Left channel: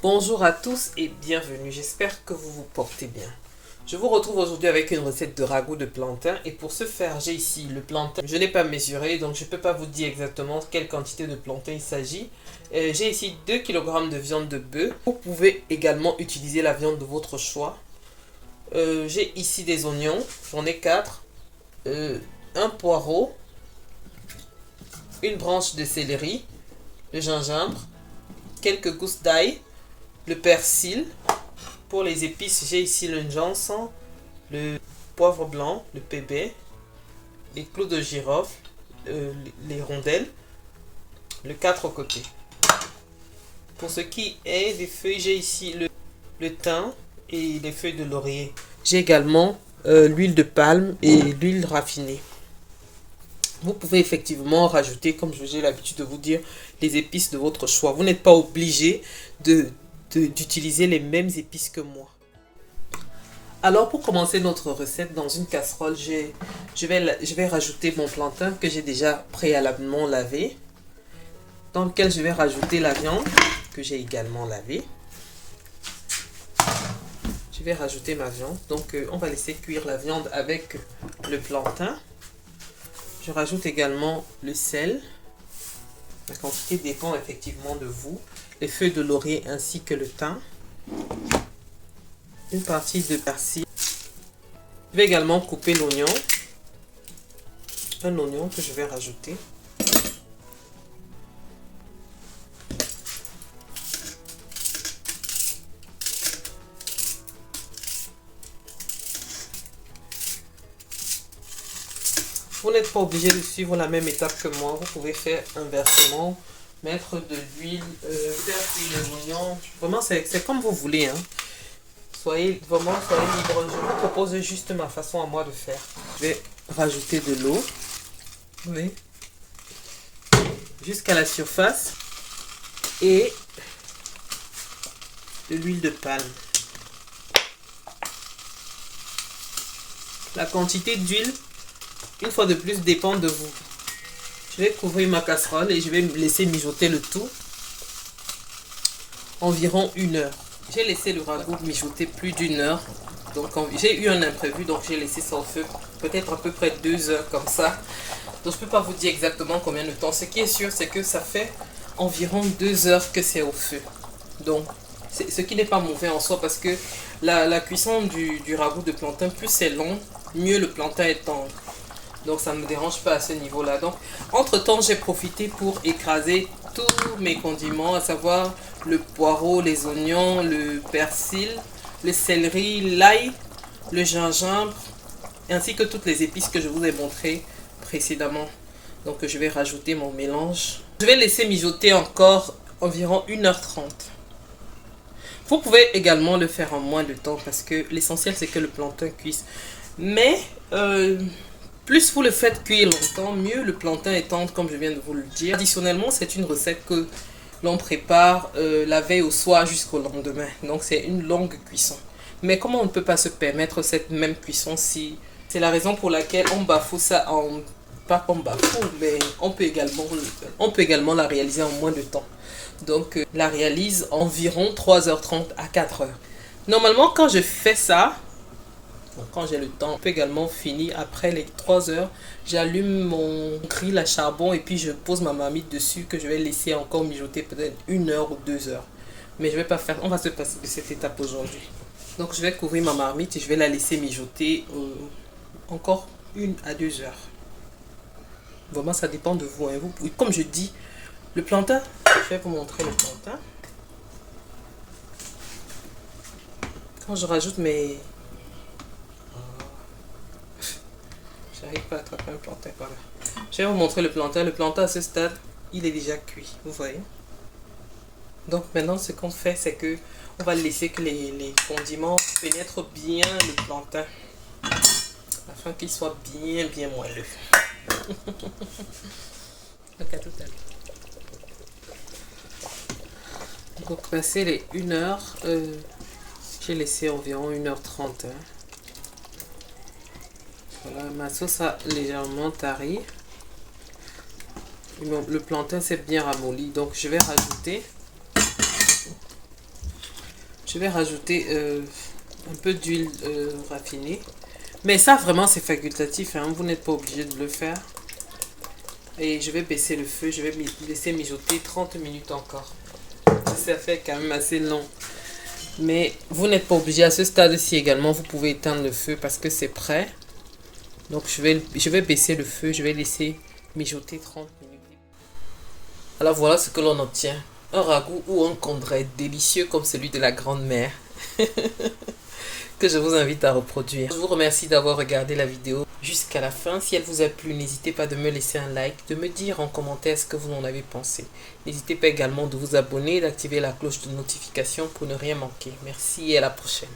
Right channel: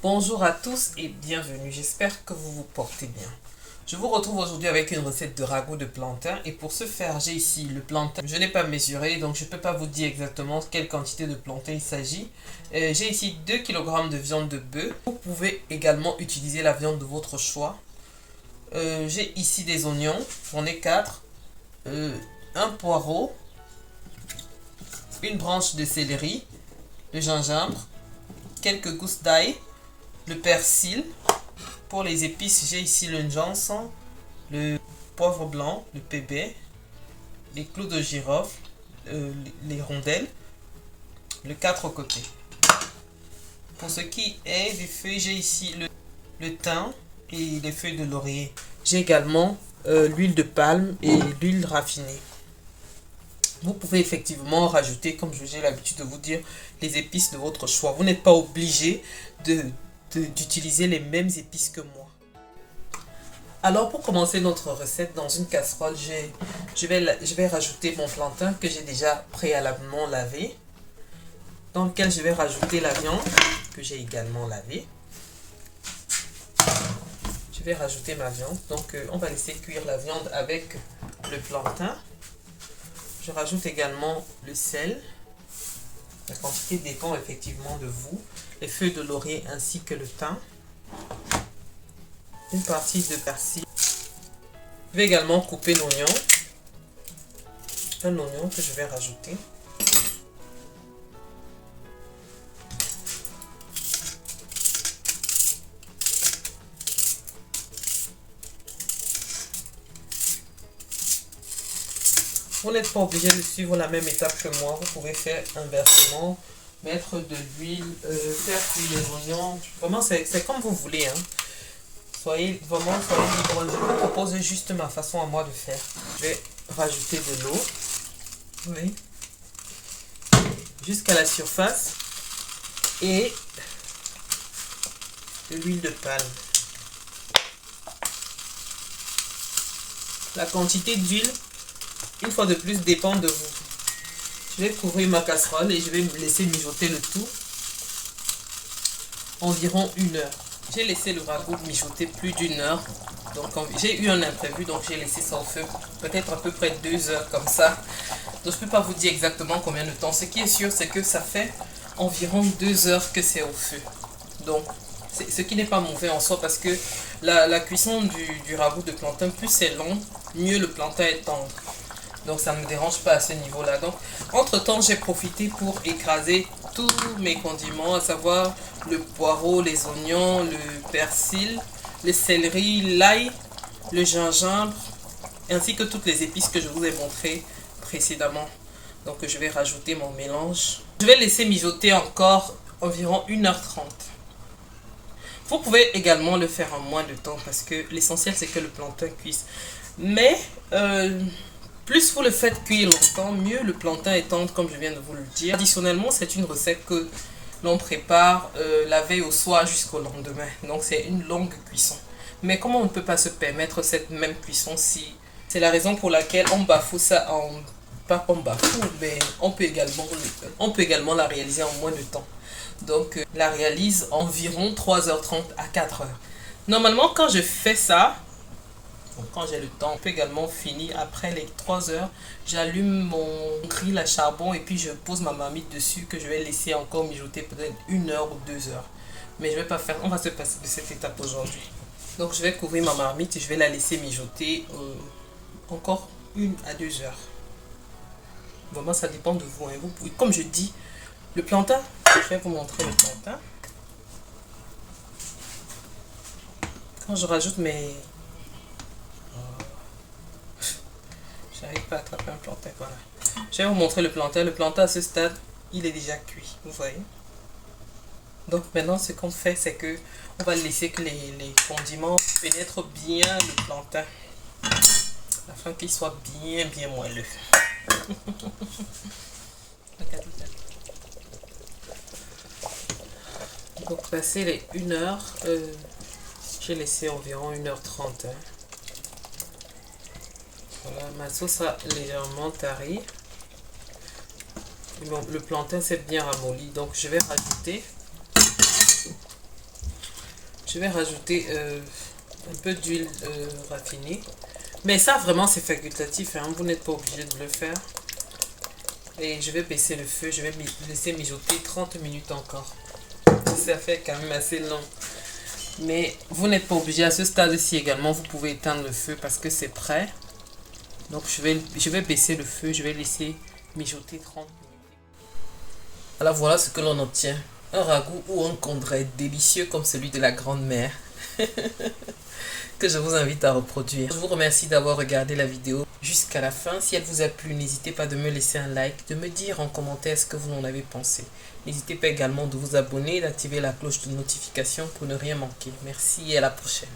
Bonjour à tous et bienvenue, j'espère que vous vous portez bien. Je vous retrouve aujourd'hui avec une recette de ragoût de plantain et pour ce faire j'ai ici le plantain. Je ne l'ai pas mesuré donc je ne peux pas vous dire exactement quelle quantité de plantain il s'agit. J'ai ici 2 kg de viande de bœuf. Vous pouvez également utiliser la viande de votre choix. J'ai ici des oignons, j'en ai 4, un poireau, une branche de céleri, le gingembre, quelques gousses d'ail, le persil. Pour les épices, j'ai ici le gingembre, le poivre blanc, le pébé, les clous de girofle, les rondelles, le 4 côtés. Pour ce qui est des feuilles, j'ai ici le thym et les feuilles de laurier. J'ai également l'huile de palme et l'huile raffinée. Vous pouvez effectivement rajouter, comme j'ai l'habitude de vous dire, les épices de votre choix. Vous n'êtes pas obligé d'utiliser les mêmes épices que moi. Alors pour commencer notre recette, dans une casserole, je vais rajouter mon plantain que j'ai déjà préalablement lavé, dans lequel je vais rajouter la viande que j'ai également lavée. Je vais rajouter ma viande, donc on va laisser cuire la viande avec le plantain. Je rajoute également le sel. La quantité dépend effectivement de vous. Les feuilles de laurier ainsi que le thym. Une partie de persil. Je vais également couper l'oignon. Un oignon que je vais rajouter. Vous n'êtes pas obligé de suivre la même étape que moi. Vous pouvez faire inversement. Mettre de l'huile, faire cuire les oignons. Vraiment, c'est comme vous voulez. Hein. Soyez libre. Je vous propose juste ma façon à moi de faire. Je vais rajouter de l'eau. Oui. Jusqu'à la surface. Et de l'huile de palme. La quantité d'huile, une fois de plus, dépend de vous. Je vais couvrir ma casserole et je vais laisser mijoter le tout environ 1 heure. J'ai laissé le ragoût mijoter plus d'1 heure. Donc j'ai eu un imprévu, donc j'ai laissé ça au feu peut-être à peu près 2 heures comme ça. Donc je ne peux pas vous dire exactement combien de temps. Ce qui est sûr, c'est que ça fait environ 2 heures que c'est au feu. Donc ce qui n'est pas mauvais en soi parce que la cuisson du ragoût de plantain, plus c'est long, mieux le plantain est tendre. Donc ça ne me dérange pas à ce niveau-là. Donc entre temps, j'ai profité pour écraser tous mes condiments, à savoir le poireau, les oignons, le persil, le céleri, l'ail, le gingembre, ainsi que toutes les épices que je vous ai montrées précédemment. Donc je vais rajouter mon mélange. Je vais laisser mijoter encore environ 1h30. Vous pouvez également le faire en moins de temps parce que l'essentiel c'est que le plantain cuise. Mais plus vous le faites cuire longtemps, mieux le plantain est tendre comme je viens de vous le dire. Additionnellement, c'est une recette que l'on prépare la veille au soir jusqu'au lendemain. Donc c'est une longue cuisson. Mais comment on ne peut pas se permettre cette même cuisson si... C'est la raison pour laquelle on bafoue ça en... Pas qu'on bafoue, mais on peut également la réaliser en moins de temps. Donc la réalise environ 3h30 à 4h. Normalement, quand je fais ça, quand j'ai le temps, on peut également finir après les 3 heures. J'allume mon grill à charbon et puis je pose ma marmite dessus que je vais laisser encore mijoter peut-être 1 heure ou 2 heures. Mais je vais pas faire, on va se passer de cette étape aujourd'hui. Donc je vais couvrir ma marmite et je vais la laisser mijoter encore 1 à 2 heures. Vraiment, ça dépend de vous, hein. Comme je dis, le plantain, je vais vous montrer le plantain. Quand je rajoute mes... J'arrive pas à attraper un plantain, voilà. Je vais vous montrer le plantain. Le plantain à ce stade, il est déjà cuit, vous voyez. Donc maintenant, ce qu'on fait, c'est que on va laisser que les condiments pénètrent bien le plantain, afin qu'il soit bien moelleux. Donc à tout à l'heure. Donc passer les 1 heure, j'ai laissé environ 1h30. Hein. Voilà, ma sauce a légèrement tari. Le plantain s'est bien ramolli, donc je vais rajouter Je vais rajouter un peu d'huile raffinée. Mais ça, vraiment, c'est facultatif. Hein. Vous n'êtes pas obligé de le faire. Et je vais baisser le feu. Je vais laisser mijoter 30 minutes encore. Ça fait quand même assez long. Mais vous n'êtes pas obligé. À ce stade-ci également, vous pouvez éteindre le feu parce que c'est prêt. Donc, je vais baisser le feu. Je vais laisser mijoter 30 minutes. Alors, voilà ce que l'on obtient. Un ragoût ou un condré délicieux comme celui de la grand-mère. Que je vous invite à reproduire. Je vous remercie d'avoir regardé la vidéo jusqu'à la fin. Si elle vous a plu, n'hésitez pas de me laisser un like, de me dire en commentaire ce que vous en avez pensé. N'hésitez pas également de vous abonner et d'activer la cloche de notification pour ne rien manquer. Merci et à la prochaine.